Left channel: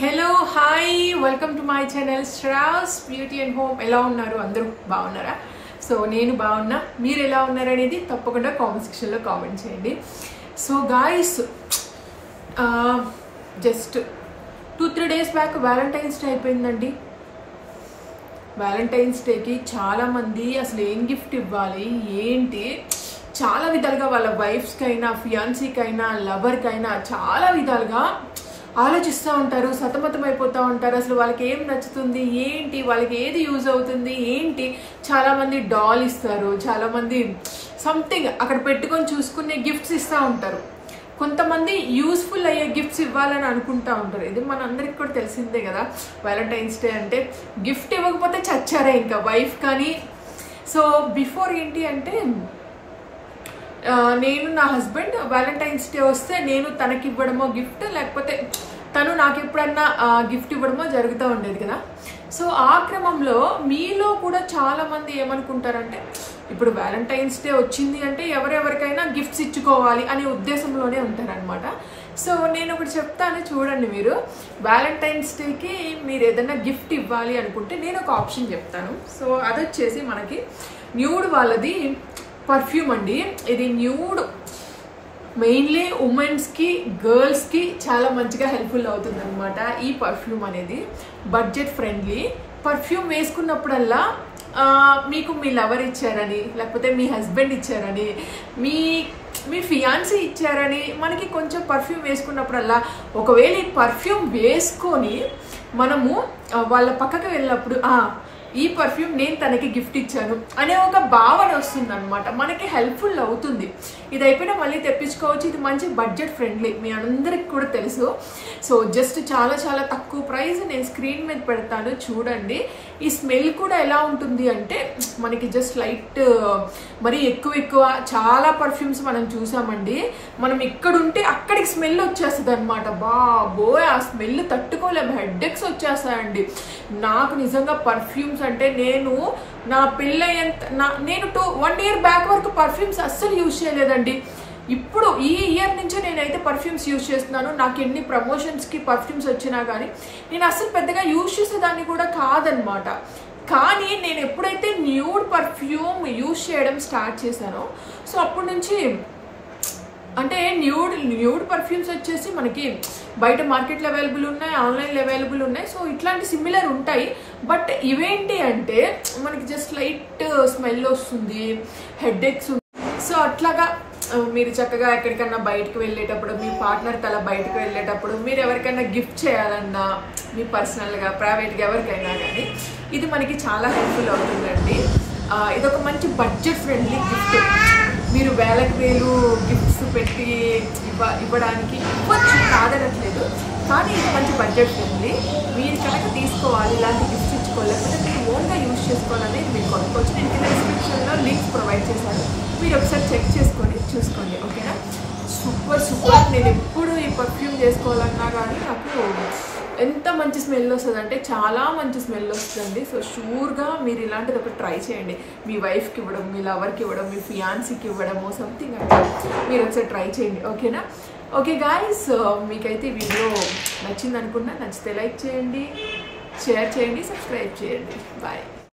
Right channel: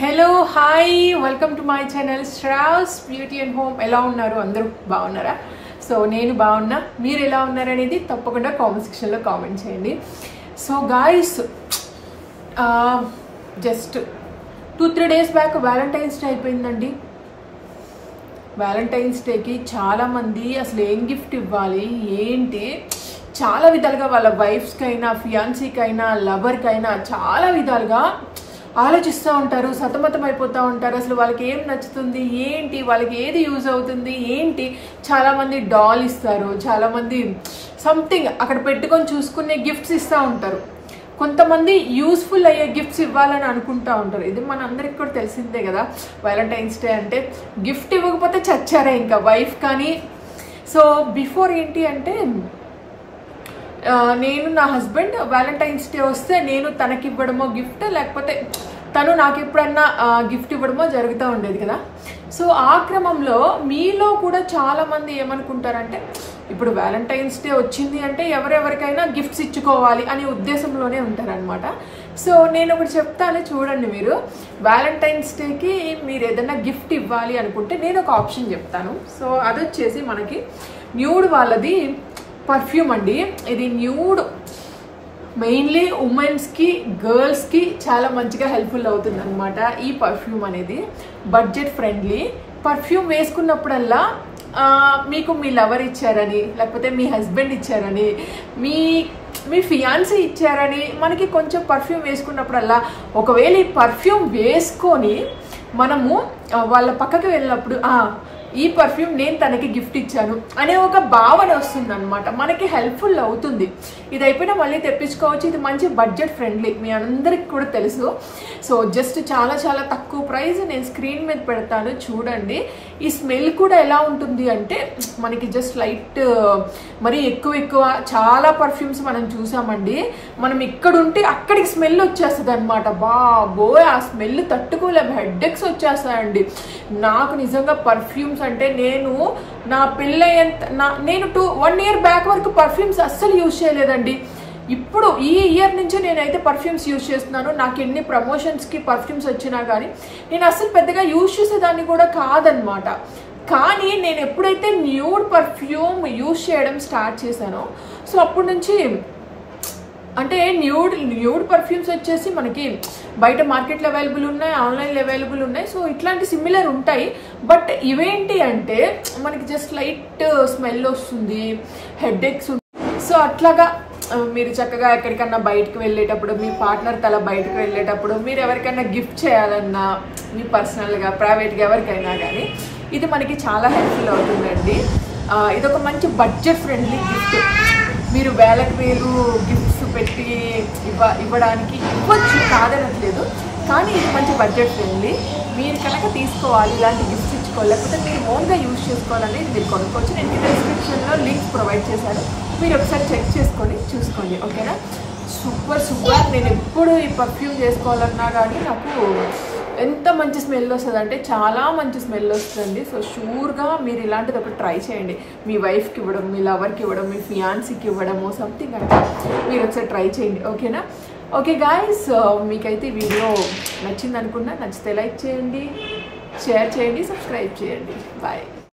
Hello hi welcome to my channel Shravs beauty and home. ఎలా ఉన్నారు? అందరూ బాగున్నారా? సో నేను బాగున్నా, మీరు ఎలా ఉన్నారనేది తప్పకుండా కామెంట్ సెక్షన్లో కామెంట్ చేయండి. So guys, just 2-3 days back Valentine's day అయిపోయిందండి. వ్యాలంటైన్స్ డేకి చాలామంది అసలు ఏం గిఫ్ట్ ఇవ్వాలి ఏంటి చాలా విధాలుగా వాళ్ళ వైఫ్స్కైనా ఫియాన్సీకైనా లవర్కైనా చాలా విధాలుగా ఆలోచిస్తూ ఉంటారు, సతమతం అయిపోతూ ఉంటారు. అసలు వాళ్ళకి ఏం నచ్చుతుంది ఏంటి, వాళ్ళకి ఏది యూజ్ అవుతుంది ఏంటి. చాలామంది డాల్ ఇస్తారు, చాలామంది సంథింగ్ అక్కడ పెట్టుకొని చూసుకునే గిఫ్ట్స్ ఇస్తూ ఉంటారు. కొంతమంది యూస్ఫుల్ అయ్యే గిఫ్ట్స్ ఇవ్వాలని అనుకుంటూ ఉంటారు. ఇది మనందరికి కూడా తెలిసిందే కదా, వ్యాలంటైన్స్ డే అంటే గిఫ్ట్ ఇవ్వకపోతే చచ్చారే ఇంకా వైఫ్ కానీ. సో బిఫోర్ ఏంటి అంటే, నేను నా హస్బెండ్ వ్యాలంటైన్స్ డే వస్తే నేను తనకి ఇవ్వడమో గిఫ్ట్, లేకపోతే తను నాకు ఎప్పుడన్నా గిఫ్ట్ ఇవ్వడమో జరుగుతూ ఉండేది కదా. సో ఆ క్రమంలో మీలో కూడా చాలామంది ఏమనుకుంటారంటే, ఇప్పుడు వ్యాలంటైన్స్ డే వచ్చింది అంటే ఎవరెవరికైనా గిఫ్ట్స్ ఇచ్చుకోవాలి అనే ఉద్దేశంలోనే ఉంటారనమాట. సో నేను ఒకటి చెప్తాను చూడండి. మీరు వ్యాలంటైన్స్ డేకి మీరు ఏదైనా గిఫ్ట్ ఇవ్వాలి అనుకుంటే నేను ఒక ఆప్షన్ చెప్తాను. సో అదొచ్చేసి మనకి న్యూడ్ వాళ్ళది పర్ఫ్యూమ్ అండి. ఇది న్యూడ్ మెయిన్లీ ఉమెన్స్కి గర్ల్స్కి చాలా మంచిగా హెల్ప్ఫుల్ అవుతుంది అనమాట. ఈ పర్ఫ్యూమ్ అనేది బడ్జెట్ ఫ్రెండ్లీ పర్ఫ్యూమ్. వేసుకున్నప్పుడల్లా మీకు మీ లవర్ ఇచ్చారని, లేకపోతే మీ హస్బెండ్ ఇచ్చారని, మీ ఫియాన్సీ ఇచ్చారని మనకి కొంచెం పర్ఫ్యూమ్ వేసుకున్నప్పుడల్లా, ఒకవేళ ఈ పర్ఫ్యూమ్ వేసుకొని మనము వాళ్ళ పక్కకి వెళ్ళినప్పుడు ఈ పర్ఫ్యూమ్ నేను తనకి గిఫ్ట్ ఇచ్చాను అనే ఒక భావన వస్తుంది అనమాట. మనకి హెల్ప్ఫుల్ అవుతుంది. ఇది అయిపోయినా మళ్ళీ తెప్పించుకోవచ్చు. ఇది మంచి బడ్జెట్ ఫ్రెండ్లీ, మీ అందరికి కూడా తెలుసు. సో జస్ట్ చాలా చాలా తక్కువ ప్రైస్ నేను స్క్రీన్ మీద పెడతాను చూడండి. ఈ స్మెల్ కూడా ఎలా ఉంటుంది అంటే, మనకి జస్ట్ లైట్, మరి ఎక్కువ చాలా పర్ఫ్యూమ్స్ మనం చూసామండి. మనం ఇక్కడుంటే అక్కడికి స్మెల్ వచ్చేస్తుంది అనమాట. బాబోయ్, ఆ స్మెల్ తట్టుకోలేము, హెడ్ఏక్స్ వచ్చేస్తాయండి. నాకు నిజంగా పర్ఫ్యూమ్స్ అంటే, నేను నా నేను 1 year బ్యాక్ వరకు పర్ఫ్యూమ్స్ అస్సలు యూజ్ చేయలేదండి. ఇప్పుడు ఈ ఇయర్ నుంచే నేనైతే పర్ఫ్యూమ్స్ యూజ్ చేస్తున్నాను. నాకు ఎన్ని ప్రమోషన్స్కి పర్ఫ్యూమ్స్ వచ్చినా కానీ నేను అస్సలు పెద్దగా యూజ్ చేసేదాన్ని కూడా కాదనమాట. కానీ నేను ఎప్పుడైతే న్యూడ్ పర్ఫ్యూమ్ యూజ్ చేయడం స్టార్ట్ చేశానో, సో అప్పటి నుంచి అంటే న్యూడ్ పర్ఫ్యూమ్స్ వచ్చేసి మనకి బయట మార్కెట్లో అవైలబుల్ ఉన్నాయి, ఆన్లైన్లో అవైలబుల్ ఉన్నాయి. సో ఇట్లాంటి సిమిలర్ ఉంటాయి. బట్ ఇవేంటి అంటే మనకి జస్ట్ లైట్ స్మెల్ వస్తుంది, హెడ్ఏక్స్. సో అట్లాగా మీరు చక్కగా ఎక్కడికన్నా బయటకు వెళ్ళేటప్పుడు, మీ పార్ట్నర్ తల బయటకు వెళ్ళేటప్పుడు, మీరు ఎవరికైనా గిఫ్ట్ చేయాలన్నా, మీ పర్సనల్గా ప్రైవేట్గా ఎవరికైనా కానీ ఇది మనకి చాలా హెల్ప్ఫుల్ అవుతుందండి. ఇదొక మంచి బడ్జెట్ ఫ్రెండ్లీ గిఫ్ట్. మీరు వేలకు వేలు గిఫ్ట్స్ పెట్టి ఇవ్వడానికి ఇవ్వచ్చు, కాదనట్లేదు. కానీ ఇది మంచి బడ్జెట్ ఫ్రెండ్లీ. మీరు కనుక తీసుకోవాలి, ఇలాంటి గిఫ్ట్స్ ఇచ్చుకోవాలి, లేకపోతే మీరు ఓన్గా యూజ్ చేసుకోవాలనేది మీరు కొనుక్కోవచ్చు. నేను కింద డిస్క్రిప్షన్లో లింక్స్ ప్రొవైడ్ చేశాను, మీరు ఒకసారి చెక్ చేసుకొని చూసుకోండి. ఓకేనా? సూపర్. నేను ఎప్పుడు ఈ పర్ఫ్యూమ్ చేసుకోవాలన్నా కానీ నాకు ఎంత మంచి స్మెల్ వస్తుంది అంటే, చాలా మంచి స్మెల్ వస్తుందండి. సో షూర్గా మీరు ఇలాంటిది ఒకటి ట్రై చేయండి. మీ వైఫ్కి ఇవ్వడం, మీ లవర్కి ఇవ్వడం, మీ ఫియాన్సీకి ఇవ్వడము, సంథింగ్ అంటే మీరు ఒకసారి ట్రై చేయండి. ఓకేనా? ఓకే గాయస్, మీకైతే వీడియో నచ్చింది అనుకున్నా. నచ్చితే లైక్ చేయండి, షేర్ చేయండి, సబ్స్క్రైబ్ చేయండి. బాయ్.